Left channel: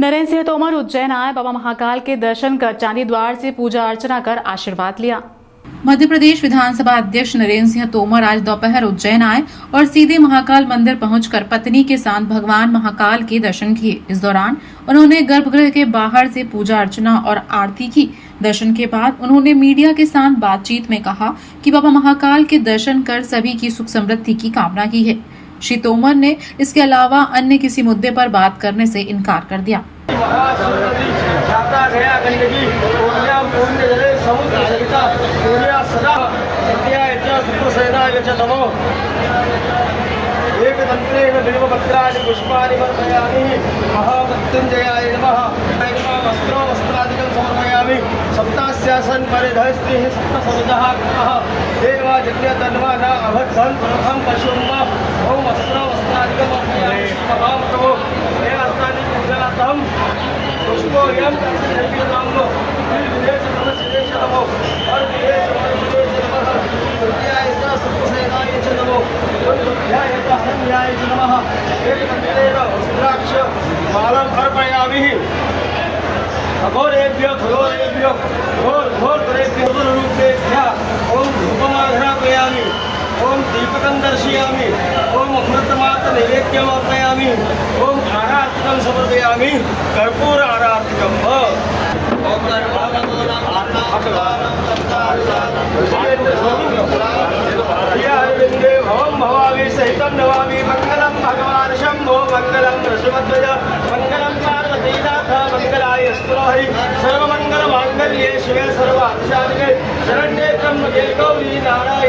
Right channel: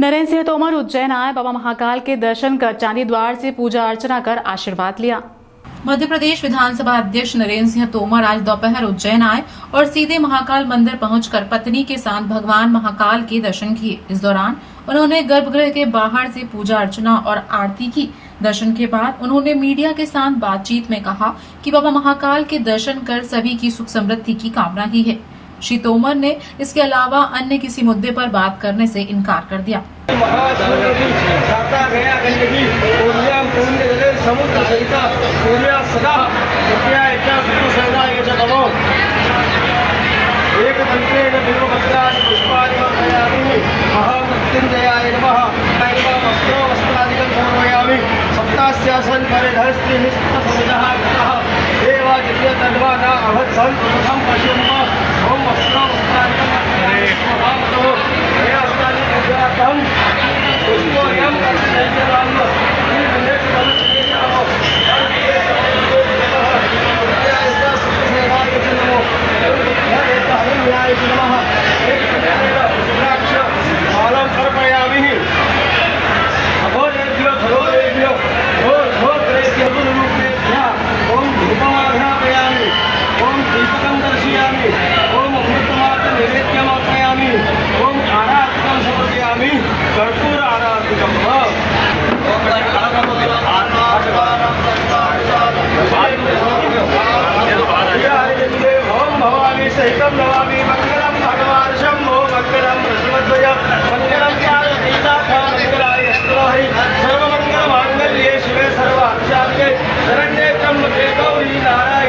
नरेंद्र सिंह तोमर उज्जैन आए, बाबा महाकाल के दर्शन कर चांदी द्वार से पूजा अर्चना कर आशीर्वाद लिया। मध्य प्रदेश विधानसभा अध्यक्ष नरेंद्र सिंह तोमर आज दोपहर उज्जैन आए और सीधे महाकाल मंदिर पहुंचकर पत्नी के साथ भगवान महाकाल के दर्शन किए। इस दौरान उन्होंने गर्भगृह के बाहर से पूजा अर्चना और आरती की। दर्शन के बाद उन्होंने मीडिया के साथ बातचीत में कहा कि बाबा महाकाल के दर्शन कर सभी की सुख समृद्धि की कामना की है। श्री तोमर ने इसके अलावा अन्य किसी मुद्दे पर बात करने से इनकार कर दिया। एकदंतेन बिल्वपत्राणि पुष्पाणि समर्पयामि। महामृत्युंजयाय नमः। वस्त्रो वस्त्रादिकं समर्पयामि। सप्तास्यासन परिधस्त्रिः सप्तसमितः कृतः देवादित्य तन्वा न अभद्रं प्रथम पशुम। ओम वस्त्रो वस्त्रादिकं महामतो हे अस्तानि पूजार्थं पुष्पोऽयं कर्तव्यं निर्विशेष नमस्ते नमो। अघोरेभ्यो खगोरेभ्यो घोरेभ्यो गुरुरूपेभ्यः ओम धूपमाघ्रापयामि। ओम दीपकं दर्शयामि। ओम अमृतमार्ग नैवेद्यम् अर्पयामि। ओम आराधिकं समर्पयामि। कर्पूर आराधिकम्। ओम भवामी सहितं नमामि। मंगलम भगवान शंभो मंगलम ऋषभध्वज मंगलम कालकीनाथ मंगलाय स्तुहि सर्वमंगल मांगल्ये शिवे सर्वार्थसाधिके शरण्ये त्र्यंबके गौरी नारायणी